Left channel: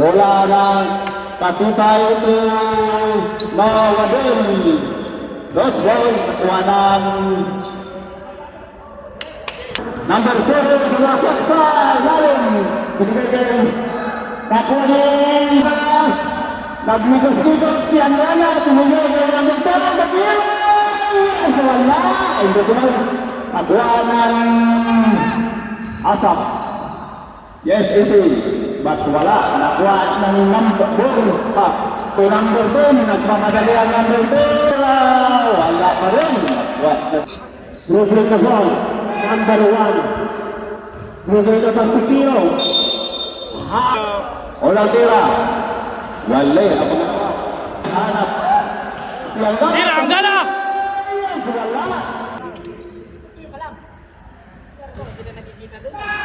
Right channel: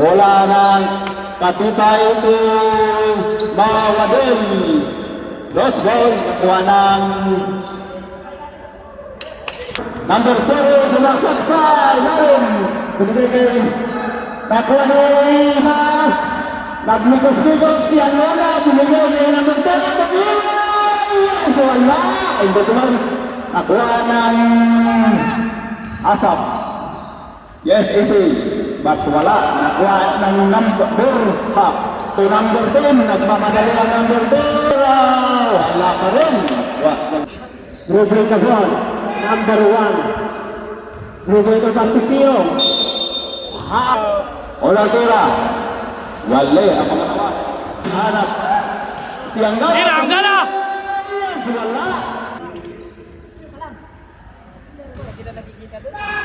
Bola ng Patibay to Mawabin. Best ball, kuha ng number 7, Julasat pa, Lalim. Kumigay nakuha ng nagmikos-mikos si Anwala. Tumigay ng number 7, Nakilaw. Yes, wala. Hindi ko man. Nakuha ng Asap. Yes, ito. But wala. Nakuha ng number 4 pa. So number 10, nagmamadali ang number 10. Wala pa rin. Ruby Cazal, number 1. Ruby Cazal Pipio. Oladera. Wala. Hanap. Tirangga na!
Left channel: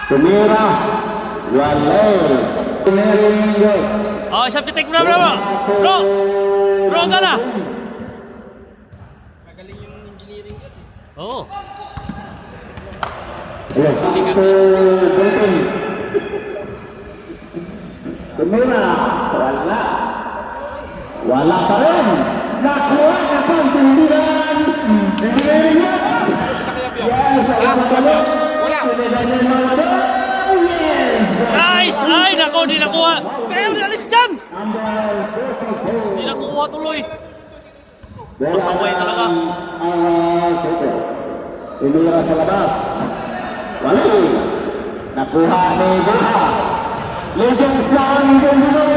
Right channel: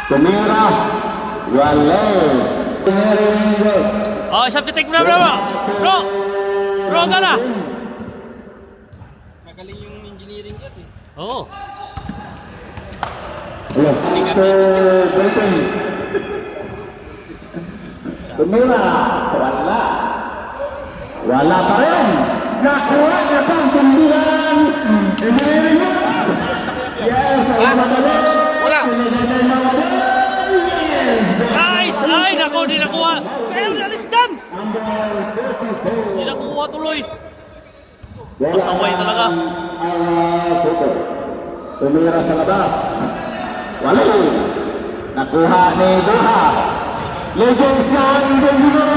Tumira. Wala. Oh, siap ketik bro. Bro, enggak lah. Magaling yung engineering yan eh. Oh. Tumira. Wala. Wala pa rin. Nakuha na itong tumbiran. Yes, wala. Nice! Ay, nako, di nakuha. Kaya ang alis dyan. Di nakuha tuloy. Masaway talaga. Tumira sa labas. Wala. Nakuha ni Deha. Legend siya ang ganda.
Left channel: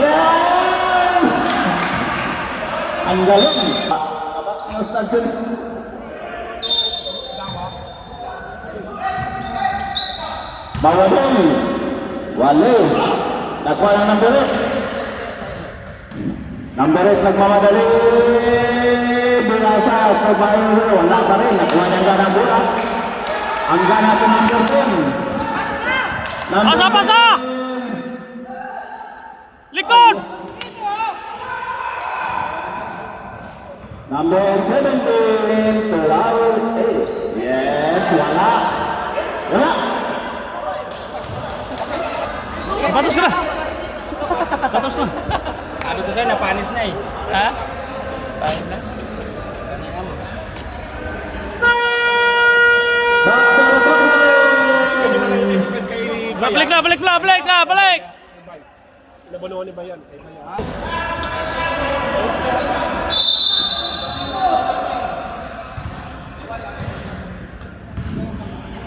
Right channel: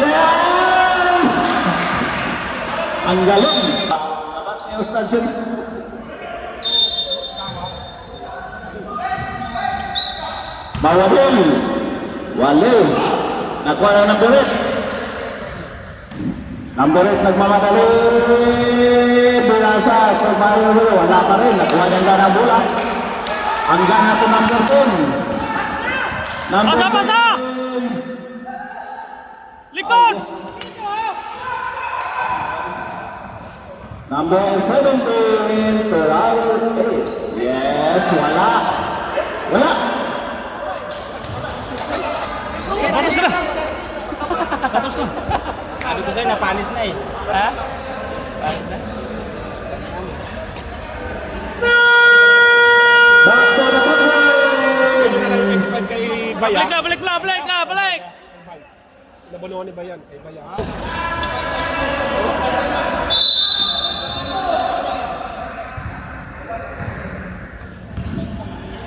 Yes! Ang galing. Bawabin. Wale. Nakuha ng number 8. Number 8 nagmamadali. Binasa. Pagbayo. Wala pa rin. Nakuha ng gana bola. Ang gana ko number 10. Pasa! Likod! Number 17. Terlalu. Yes. Wala. Wala. Panis ka. Panis ka. Sabi ko sa'yo, napanis na eh. Ha? Back to the Balik na. Nabaluan ni Bayan. Kay Bayan.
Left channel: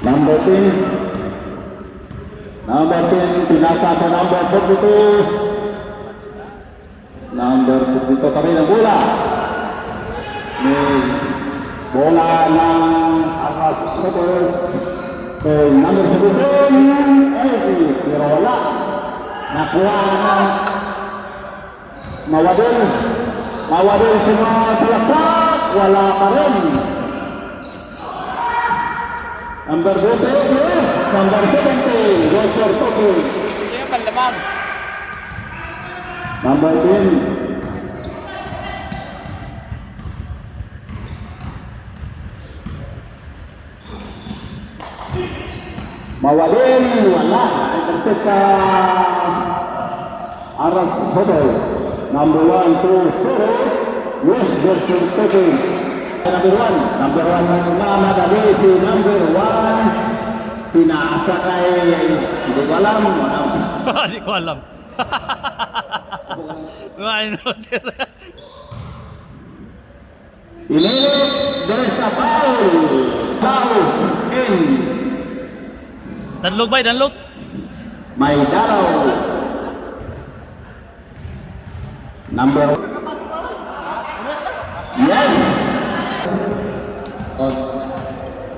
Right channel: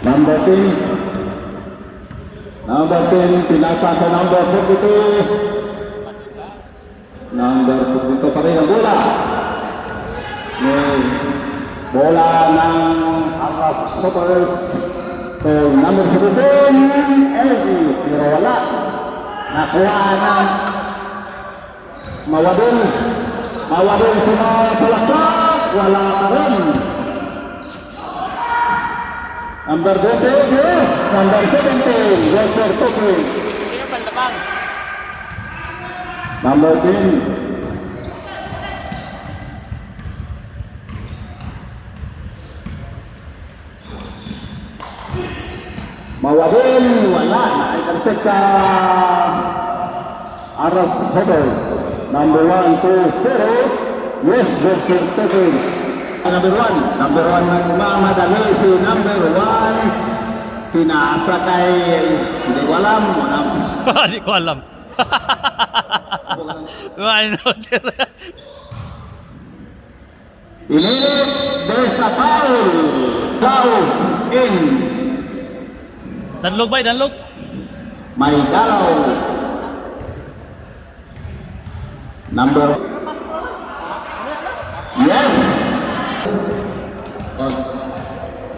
Number 10. Number 10, pinasa sa number 52. Number 52 pa rin ang bola. May bola ng Arab Supers. So, number 17, Elsie. Pero wala. Nakuha ng Mawabin. Mawabin si mga silasa. Wala pa rin. Number 20, yes. Number 17, Joshua Toki. Sino panlaban? Number 10. Mawabin, wala. Ay kontek ka Arab Hotel. Number 1, 2, 0. Yes, Joshua Toki. Number 1 Muhammad Ali, si number 1 pinasa kay hindi ko alam. Hindi ko alam. Ano, sir? Inilit Desa Paul in Danlog ba? Danlog? may dalaw. Number yes.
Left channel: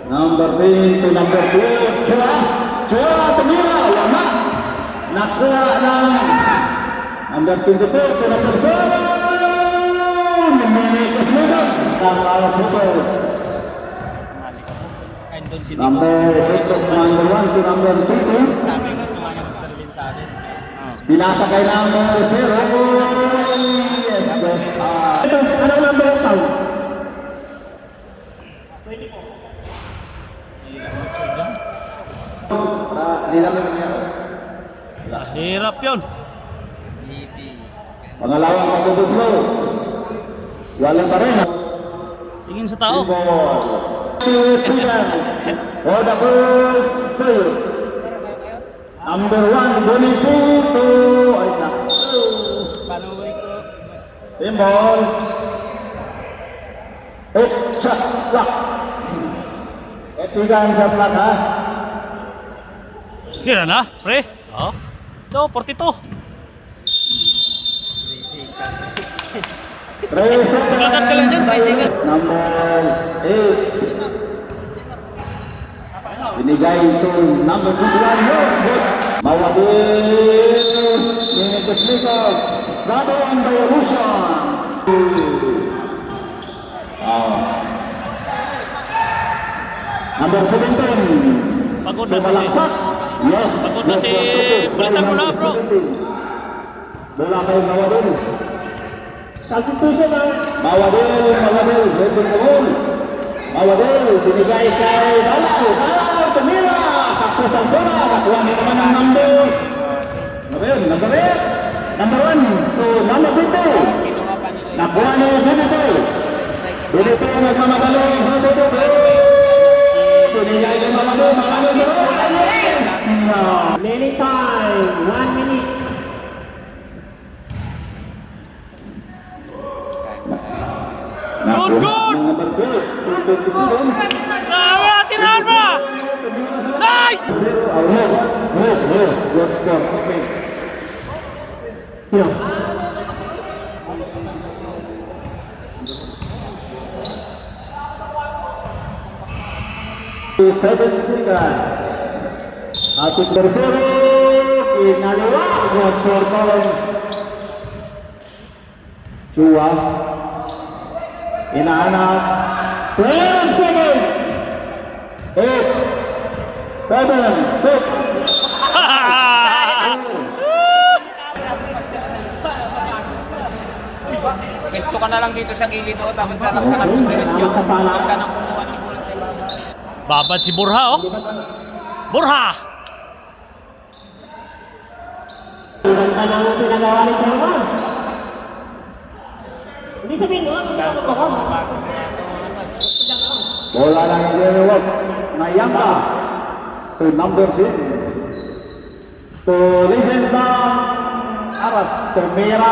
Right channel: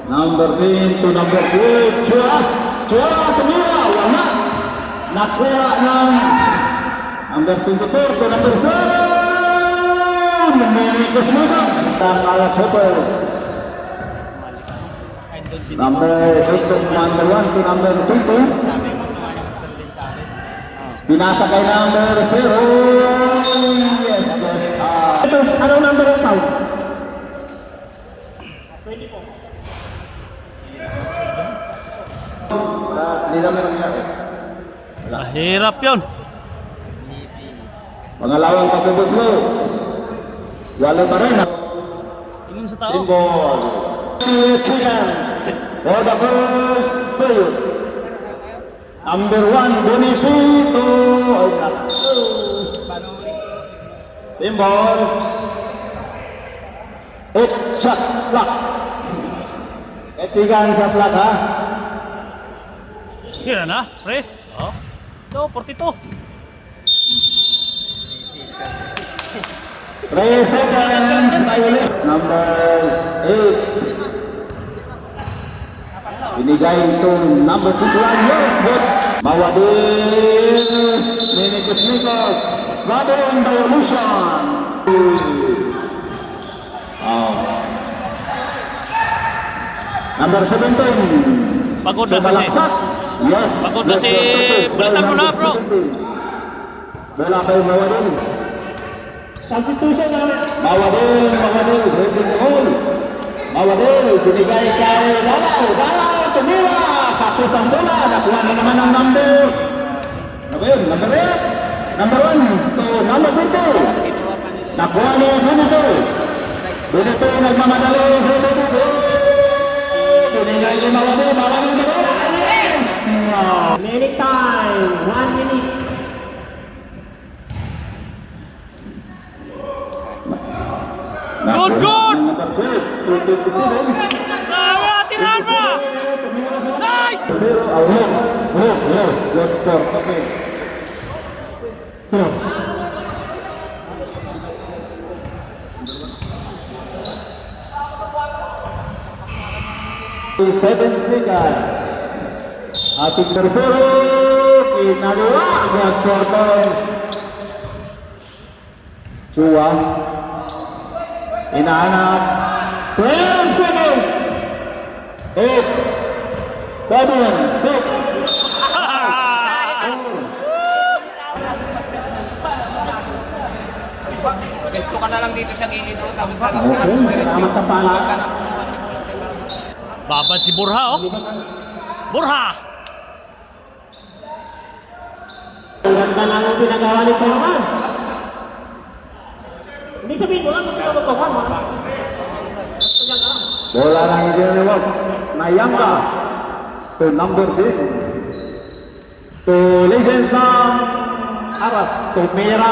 Number 10 to number 2. Chua, tumira, wala. Nakuha ng number 22 to number 7. Mamimikos mo ba? Ang alas Supers. Number 8 to number 1 to number 22. Sabi mo, kumaya magdalin sa akin. Binasa kay number 0. Yes, ito, ano number ito? 24. Hindi naman nangyari. Hirap yun. Pangalawang pagkubuglo. Wala pa rin. Tingin sa tao. For the first player. Number 1, 22 to Timbo. 8 shot clock. Ketiga shot clock ha. Kira na, pre. Oh. Ito, 42. Pinagat ka lang dyan, tricycle. Number 8. Binigay ito number 21. Yes, good. Mawadil. Minutes Nichols. Gathering Revolution. Number 17. Pagod na kasi. Yes. Pagod na si... Balitan mo na, bro. Bola kay Mawadil. Substitution na. Mawadil. Breaking the goal. Mawadil. Binigay kay Rauco. Tumira. Tapos ang bola. Nakuha na naman ang number. Number 1 to number 2. Nakuha na yung Junito. Junito yung nagmamadali sa Junito. Binigay kay Mawadil. Mawadil. Minute time. 1 minute. Good, good! Bravo, tirahan mo! Nice! Second finger. Ating tercero, pinagawa sa portong Chua. Inaanap 10 seconds. 8 7 6. Gusto ka na lang dito sa gilid ko, tapos lalak ka lang yung diretso. Huwag ka nang kumuha ng bulong sa iba. Babad si Borja, oh. Borja! Ganda na ang pinangawalit ko naman. Hindi sabihin mo lang, bola lang ang dinulog. Nayama to number 10. To legend ng Arab. Tumira.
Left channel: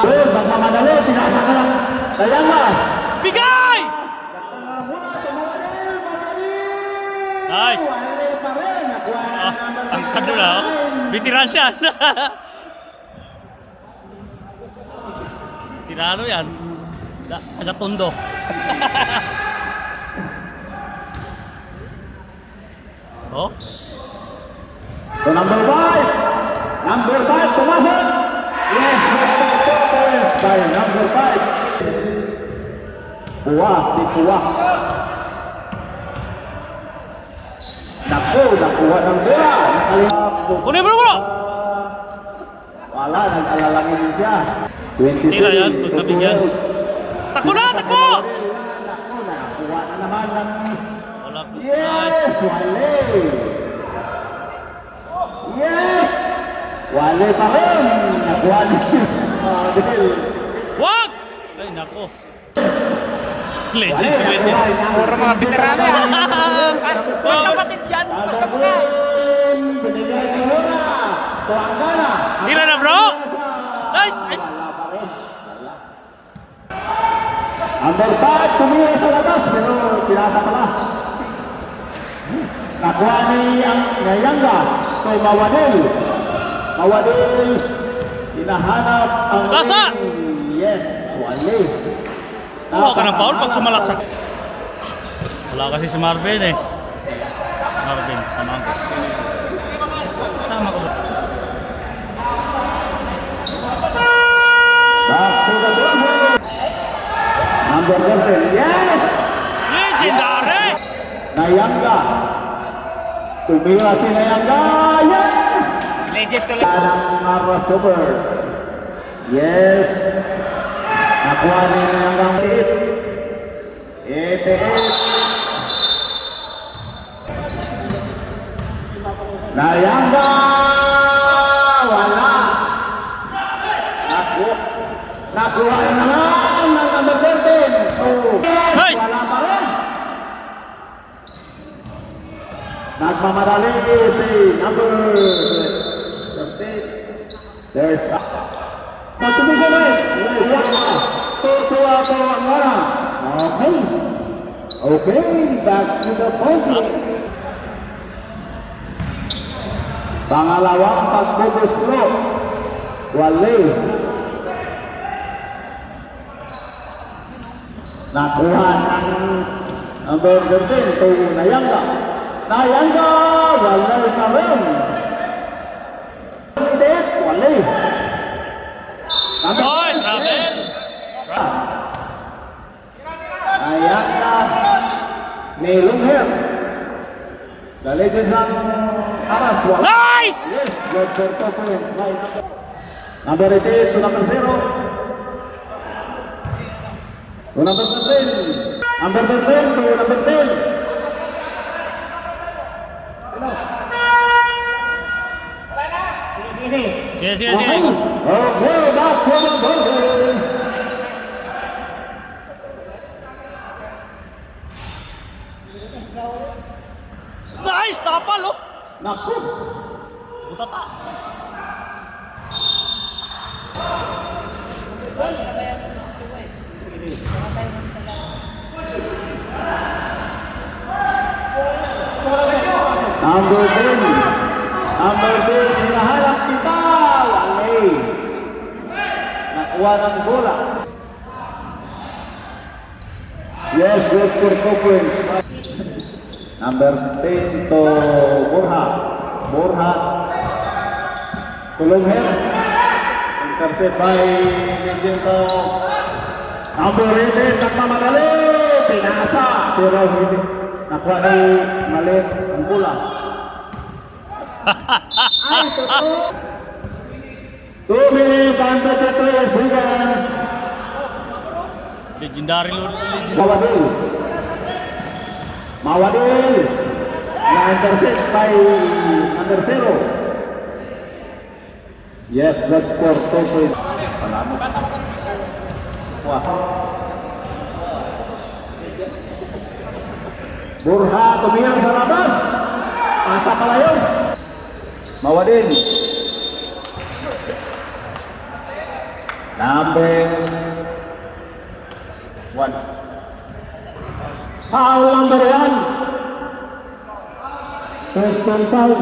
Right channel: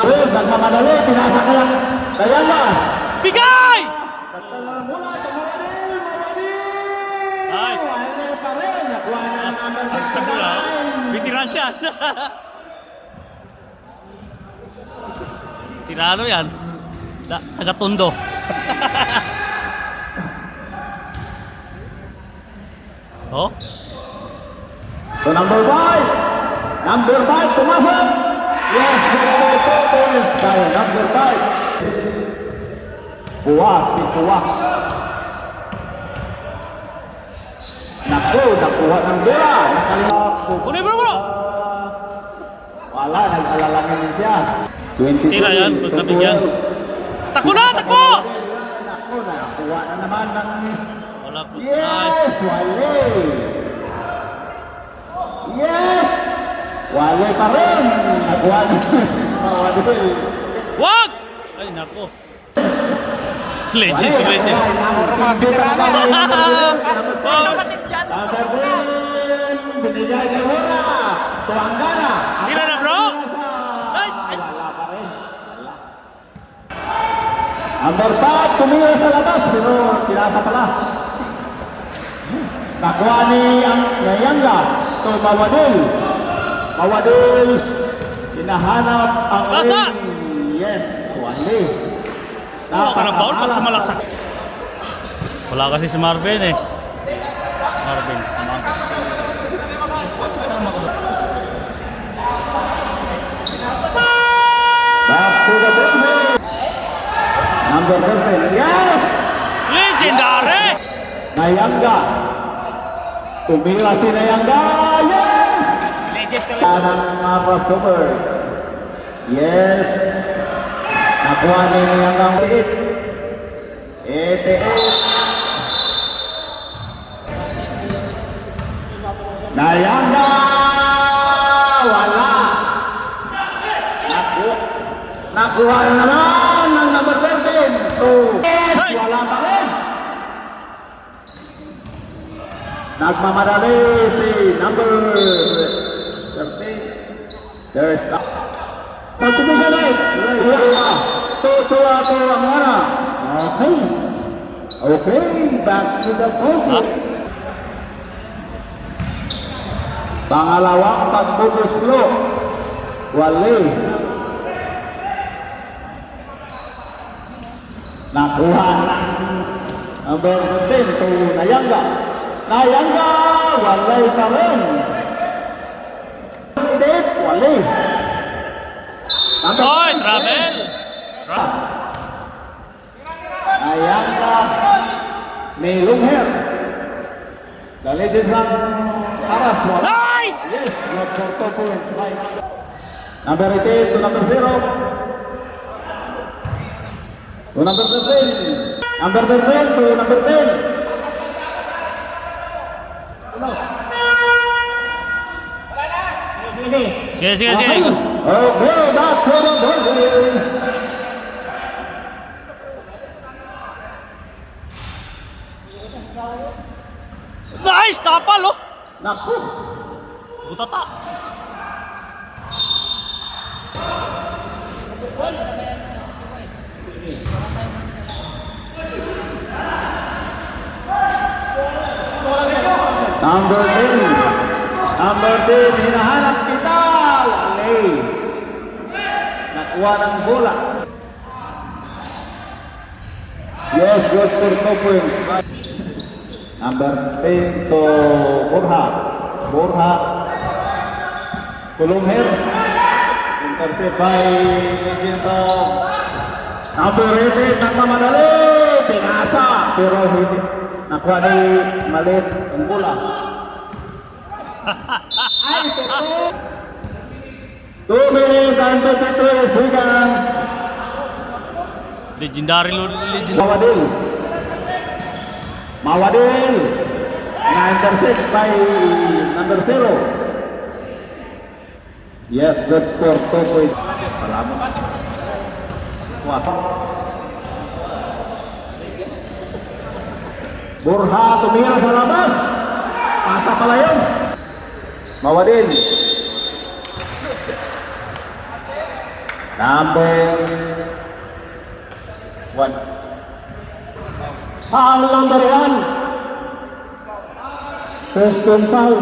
Nagmamadali. Pinasa ka lang. Nayama. Bigay! Nice! Ang kado na, oh. Bitiran siya. Tirano yan. Taga-Tondo. Oh? To number 5. Number 5. Pumasok. Yes. Number 5. Buwa. Si Buwa. Nakuha ang Buwa. Kunin mo bro! Wala. Nagkalalangin din siya. 22. Tira yan, pagkabigyan. Takbo na! Takbo! Nakuha na naman ng... Wala po. Yes! Nice. Wale! Yes! Wale pa rin! Nakuha na. Wag! Ay, nako. Legit, legit. Puro mga veterano. Oh, Kapatid yan. tira na bro! Nice! Ay. Number 5, tumira sa labas, pero tinasa pala. Nakuha ni Nayanga to Mawadil. Mawadil, hinahanap ang... Rasa! Yes, Wale. Kuha ka ng foul pag sumalaksak. Wala kasi si Marvin eh. Marvin, sama ko. Sama ko ba? Back to the ball. Number 13, yes! Legendary! Nayanga. Tumira si Nayanga, yes! Legit to legit. Parang crossover. Yes. Nakuha ni Nayanga. 88. Nayanga! Wala. Nagmamadali si number 13. There's subdivision right. Tutuwa ang mana. Okay. Okay, back to the post. Pangalawang pagbubulos lo. Wali. Nakuha ang number 13 kay Nayanga. Nayanga, wali pa rin. Wali. Hoy, travel! Nayanga. Melong here. Dali dyan sa Nice! number 18 to number 0. To number 13. Number 13 to number 10. Sige, sige, sige. Okay, back to number 10. Nice! Tapal, oh! Naku. Butata! Number 10. Number 10. Hinahanap kita. Wali. Nakuha ng bola. Yes, good for 2 points. Number 10 to Burha. Burha. Tulong head. Intercept by Vincenzo. Number 11. Nagmamadali. Pinasa. Pero hindi. Nakuha ni Malit ang bola. Ay, totoo. 2 minutes and 23 seconds. Legendary lo, legendary. Mawadil. Mawadil. Na-intercept by number 0. Yes, that's for 2 points. Burha tumingin sa labas. Ang sakalayo. Mawadil. Number 1. Foul number 1. First and foul.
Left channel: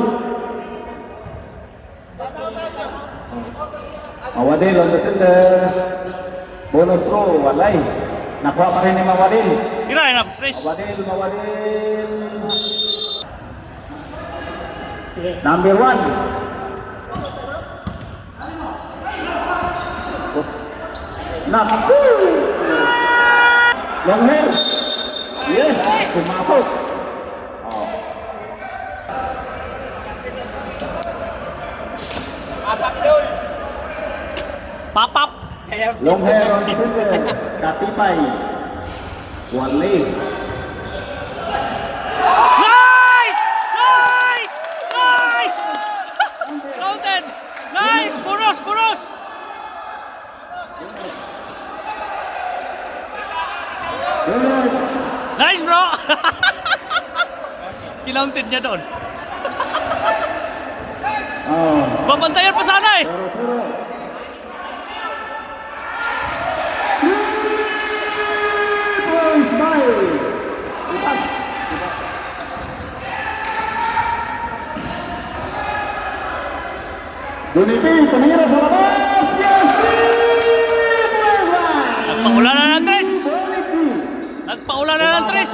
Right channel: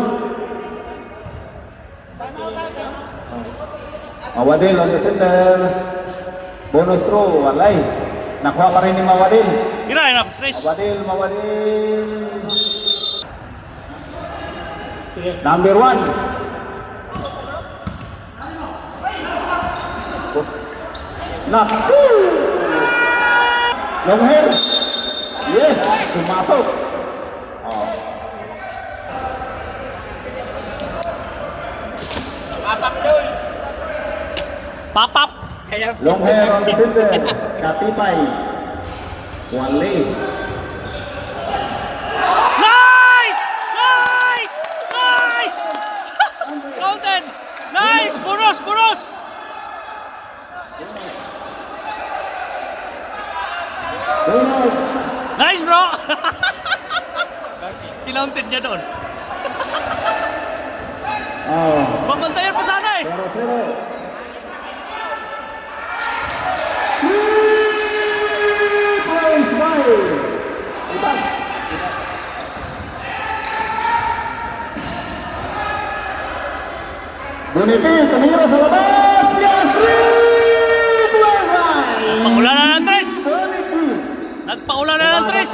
Mawadil on the center. Bonus throw, walay. Nakuha pa rin ni Mawadil. Tirahin na, Chris. Mawadil, Mawadil. Number 1. Naku! Long head. Yes, tumapot. Oh. Papap! Long hair on the finger. Katipay. Wali. Nice! Nice! Nice! Counted! Nice! Buros! Buros! Bonus. Nice, bro! Kinounted niya doon. Oh. Babantayan pa sana eh! 0-0. Points by. Dunipin, tumira sa labas. Yes! Nagpaula na ng tres! Nagpaula na ng tres!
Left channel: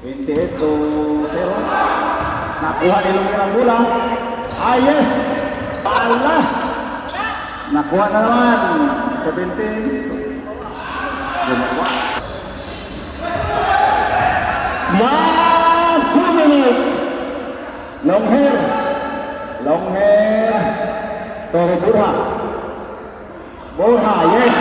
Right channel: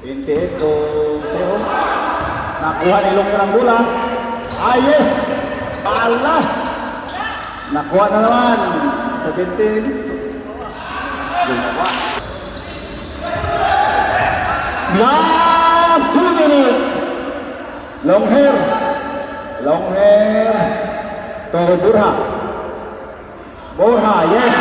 Hindi ito. Nakuha nilang ang bola. Yes! Allah! Nakuha na naman. 17. Last 2 minutes. Long hair. Long hair. Toro Burha. Burha, yes.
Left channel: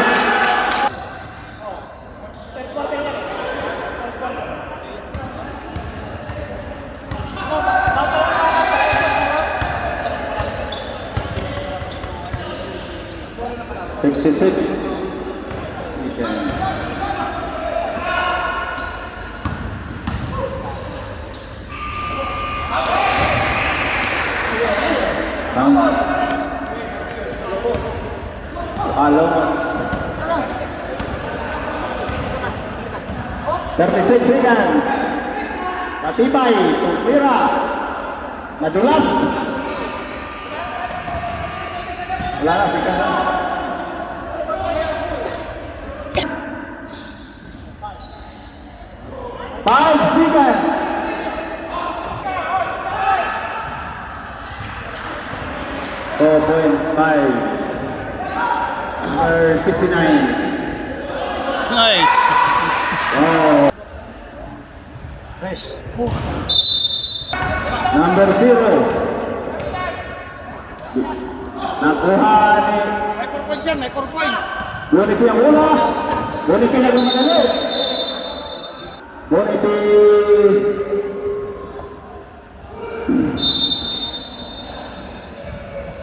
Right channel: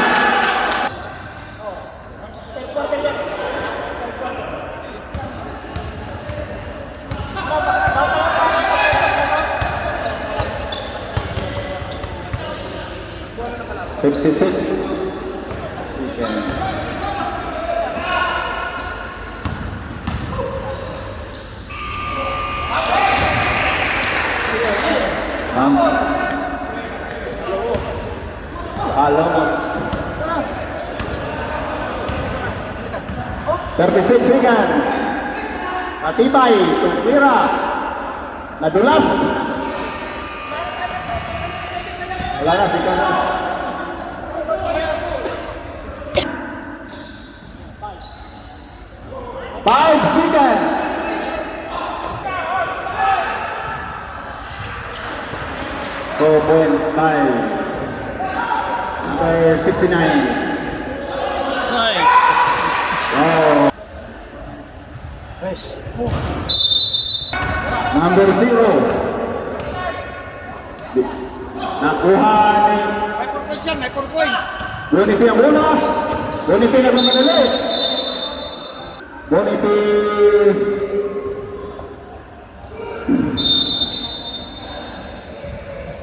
36 seconds. Matibay, tumira. Nadulas. Wala na, sige na. Five seconds. Oh, 4.5. Number 59. Nice. Wow. Nice. Number 0. Nakuha ni May 4 points yan, may 4 points. Boniti ang una. Boniti nagmamali. Boniti.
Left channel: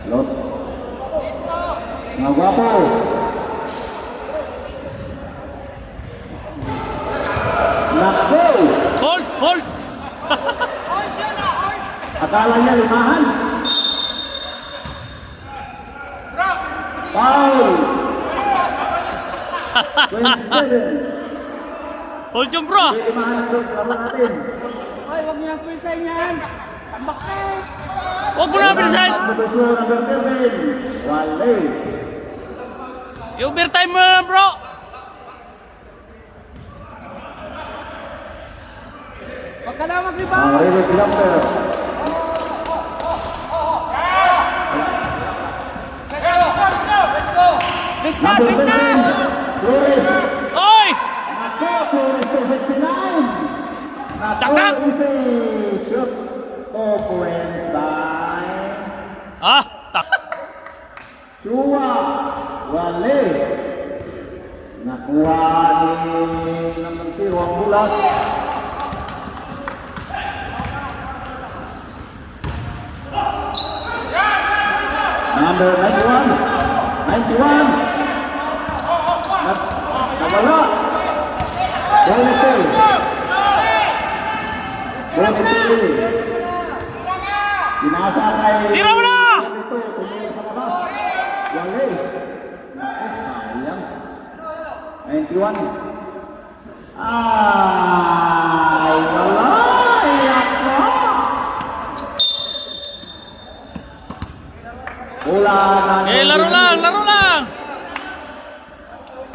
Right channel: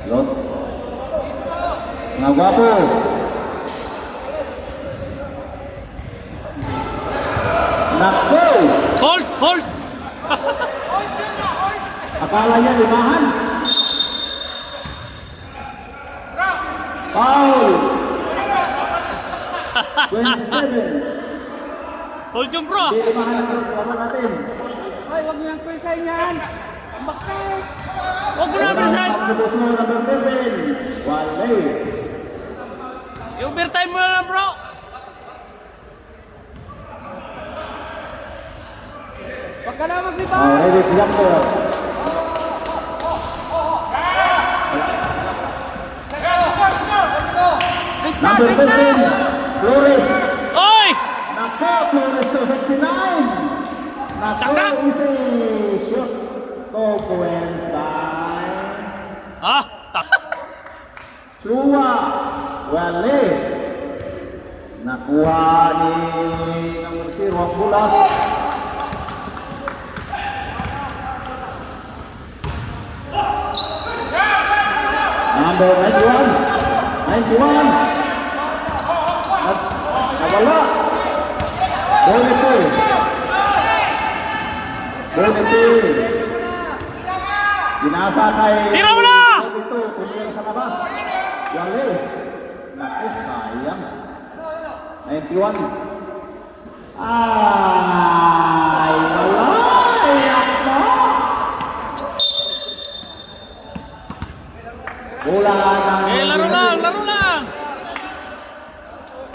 Los. Mga gwapo. Naku. Hold, hold. Akala niya limahan. Foul. 27. Hold yung bro. Hindi limahan ako sa laban natin. Ay, huwag niyang presay yan. Tambak ka eh. Huwag mo na bilisan. Walay. Yung overtime mo na bro. Huwag ka na mag-rebound. Reddick Lumber. Bus na, Number bus na. 7. Flores. Oy! Nako, Flores to 69. Takak. Nako, easy. Shoot. Oh, Ah, tak. Suwa. Wale. Nakuha ni si Romulo. Number 91. 91. Nawala. Bonito. Bonito. Binasa kay... Tira mo na! Bonito, tumira sa labas. Yali. Naku, sayang. 91. Ay, wala. Wala na. Eh, laro lang, laro lang.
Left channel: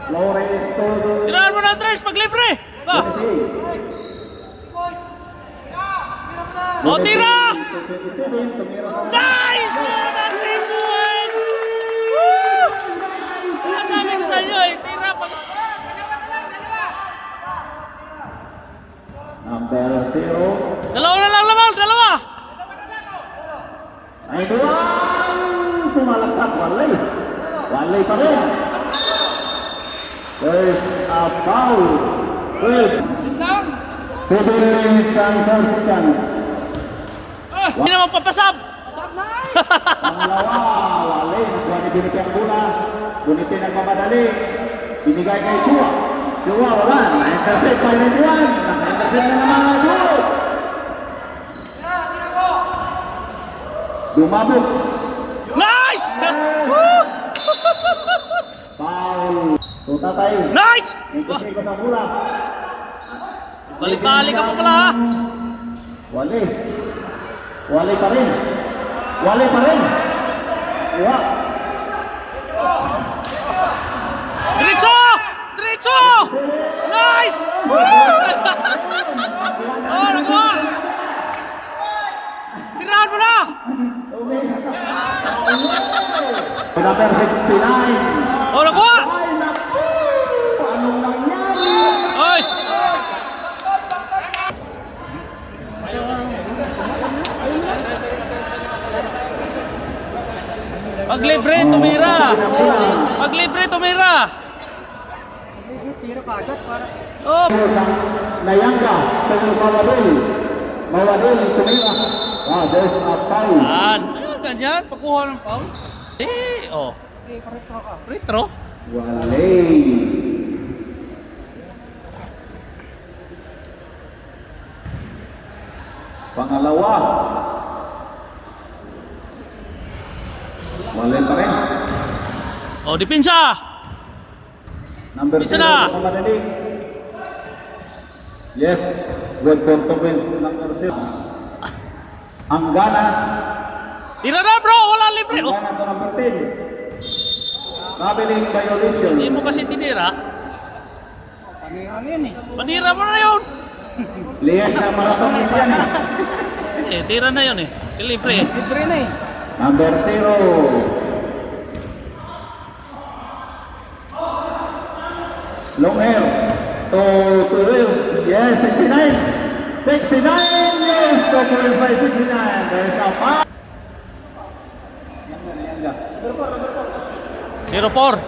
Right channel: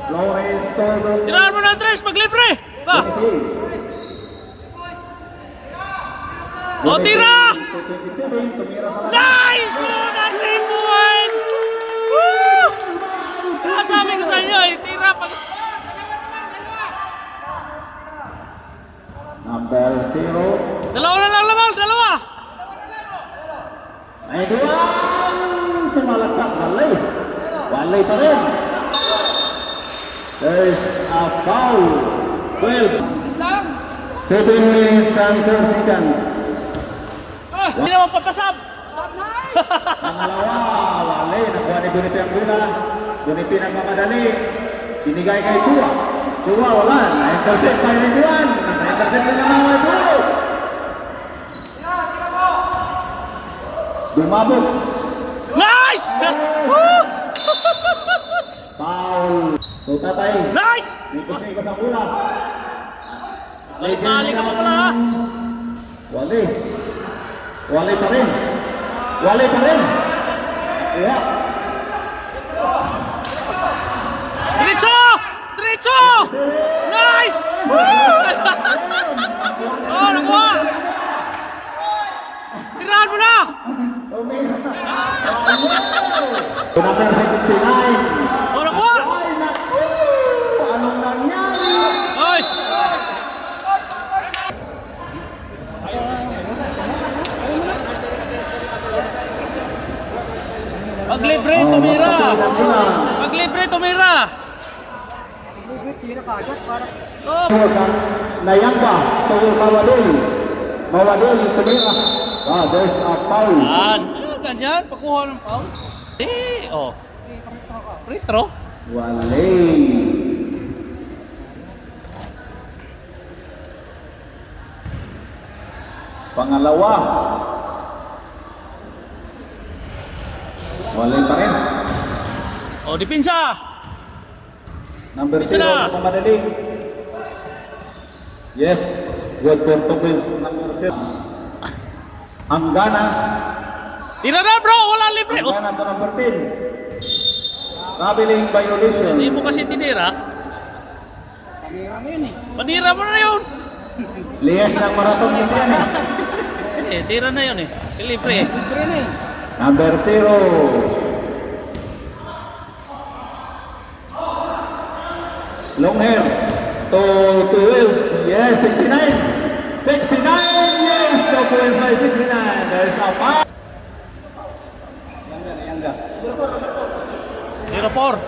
Flores to... Tirahan mo na, Tres, pag libre. Ba? O, tira! Nice! 19 points! Woo! Kaya sabi ko sa inyo, eh, tira pag... Number 0. Dalawa na lang lamal, dalawa! Ay, doon! Sumalaksak, walay. Walay pa rin. There's a foul. 12. 7 seconds. Hindi naman papasab! Pangalawa, walay. Nakuha ni Bunipi ang guna. Bunipi nagmamadali. Binigay kay Tua. Tua, wala. Na-intercept kay Renduan. Na-intercept na naman kay Tua. Dumabot. Nice! Woo! Foul. So, tatay. Nice! Ikot-ikot ang guna. Balik-balik ka pa pala ha! Wale. Wale pa rin. Wale pa rin. Iya. Diretso! Diretso! Nice! Woo! Oh, nakuha! Tirahan mo na! Number 69. Oh, nakuha! Ay, naku! Anong nangyari? Oy! Pag libre, tumira! Pag libre, tumira! Tira ka agad para... Oh! Nayangka. Pero Mawadeli. Mawadeli, tumira. Ah, there's a foul. Yan! Ayun, ganyan. Pakuha ng foul. Eh, oh. Free throw. Wale. Pangalawa. Wale pa rin. Oh, dipinsa! Number Isa na. 0, Mawadeli. Yes, good performance. Number 6. Anggana. Tira na bro, wala libre. Oh, Anggana sa number 10. Traveling violation. hindi mo kasi tinira. Kanina mo yun eh. Panira mo na yun. Liyan na marathon na yan. Tira na yun eh. Libre eh. Libre na eh. Number 0. Long hair. To 12. Yes, 69. 69. Yes, to 12 by 69. There's a pass. 0-4.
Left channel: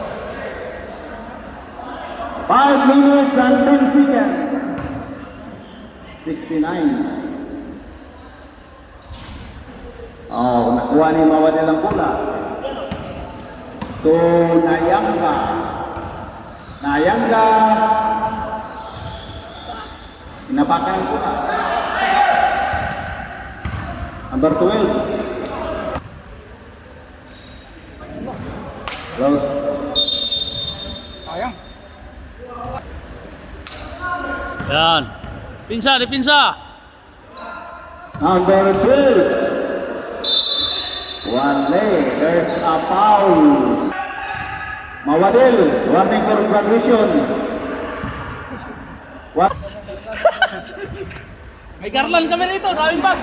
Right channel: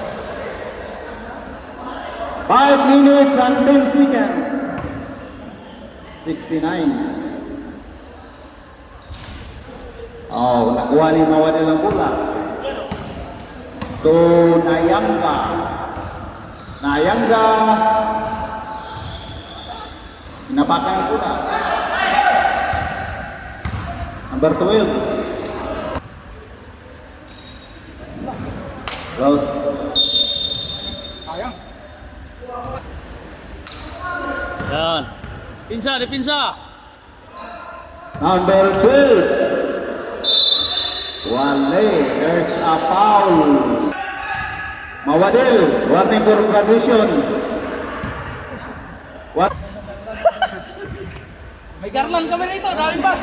5 minutes and 10 seconds. 69. Oh, nakuha ni Mawala ng bola. To Nayanga. Nayanga. Napatan ko na. Number 12. Well, Sayang. Yan. Pinsa, di pinsa. number 12. One leg. There's a foul. Mawadil. Warning for condition. What? May garland kami dito, daming bag.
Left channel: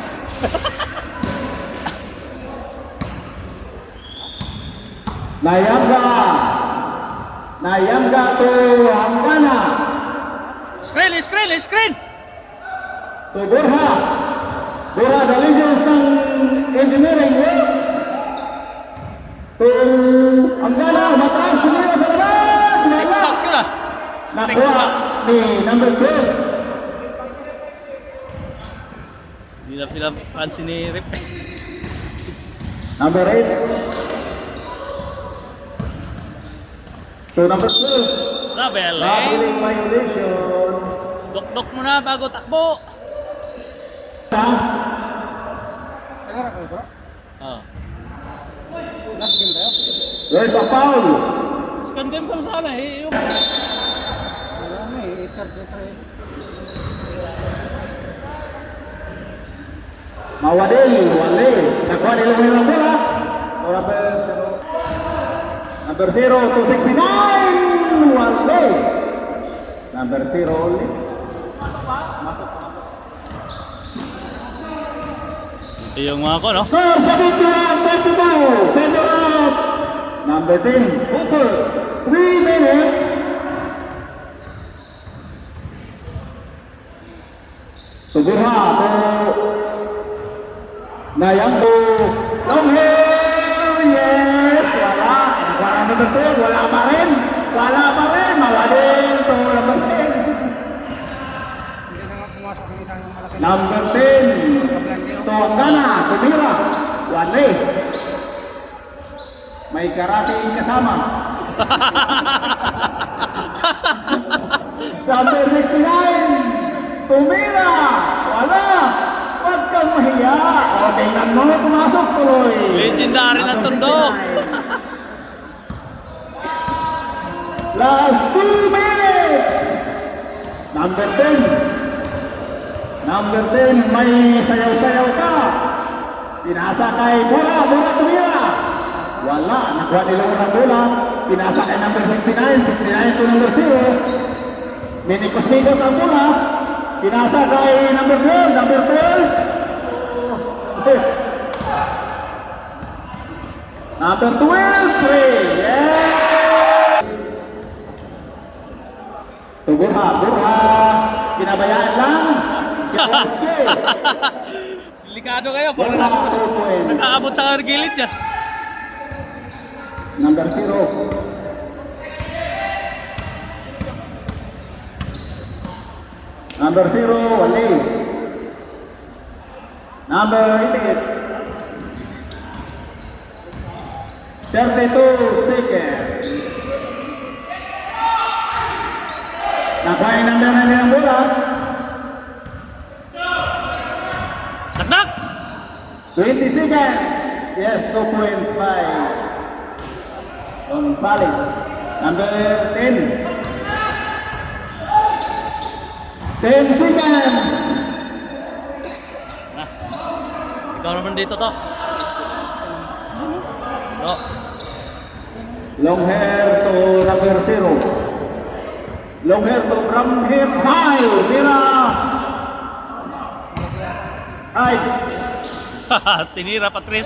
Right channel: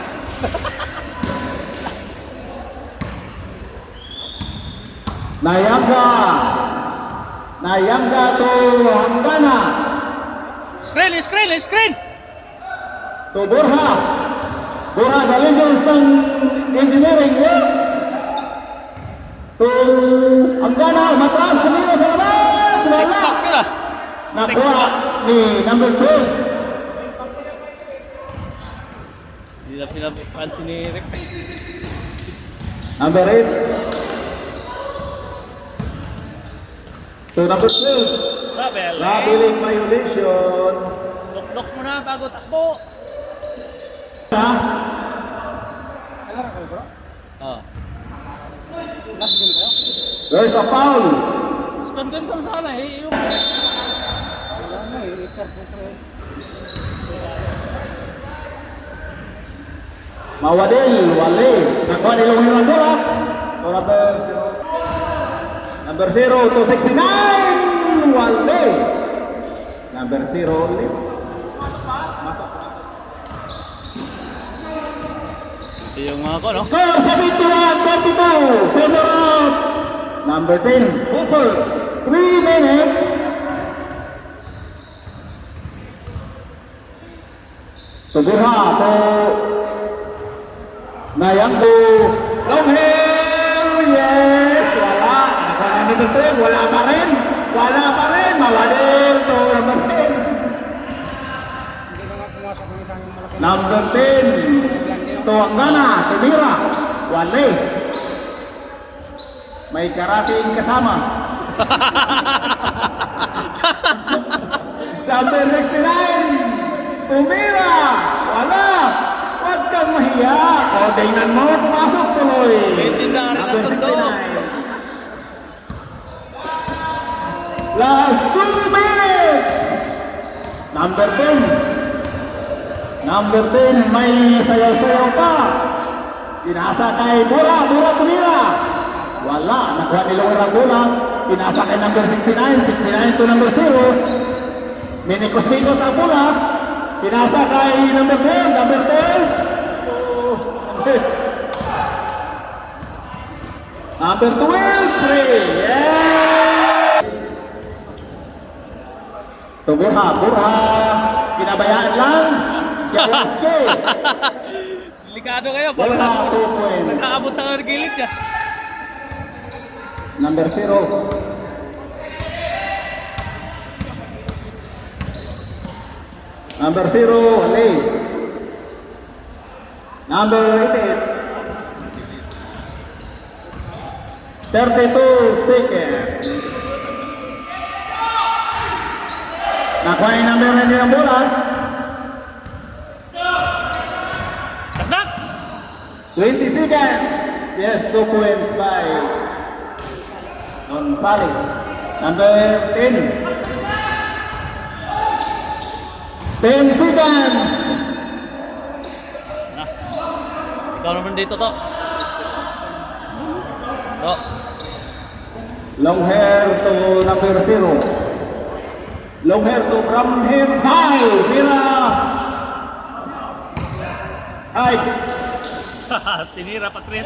Nayanga. Nayanga to Anggana. Screen. To Borja. Borja galing dyan sa engineering works. To Anggana. Mataas. Sumira sa wala. Tikpak yun ah. Nakuha ni number 12. Hindi na pinapansin ni Rick. Number 8. To number 12. Traveling. Traveling violation. Dok-dok muna bago takbo. Tagar ako bro. Ah. Last game kayo. There's a foul. Scan game ka sana eh. Yung... Wala mo eh. Itar dito eh. Mawadil, wali. Nakuha nila mo yung bola. Number 0 to 69. Wali. Number 0 ulit. Ito yung mga ko, no? Score 71-22. Center out. Number 10. Booker. 3 minutes. Tubuha to Nayanggo. Longhair. Yes. Wala. Nakuha number 2. Wala pa rin. Mawadil to number 10. Hindi na nga pumasok ng isang malaki. Number 10. To Anggana. Tumira. Wale. May karating kasama. Number 69. Tumira. Wala. Huwag kang mahiya. O, tingnan mo. Pumasok tuloy. Legendary na tundok. Last 2 minutes. Number 10. Number 10. May sayaw-sayaw pa. Pinasa kay Bura. Bura tumira. Wala. Nakuha nila unang bola. Pinasa kay number 69. 69 to number 0. Minikos-mikos ang bola. Pinasa kay number 12. Number 12. Number 12. 3. Yes. So, Burha. Pinabayaan lang. Delikado kayo, pag nakaabot sa gilid niya. Number 0. Number 0, wali. Number 8. 32 seconds. Nakuha yung number 9 ng bola. Takdak! 20 seconds. Yes, 2 points by Gonzales. Number 10. 10 seconds. Na. Ikaw naman dito to. To. Long hair to number 0. Long hair to brown hair. High. Tira. Ay. Tinira pa Chris.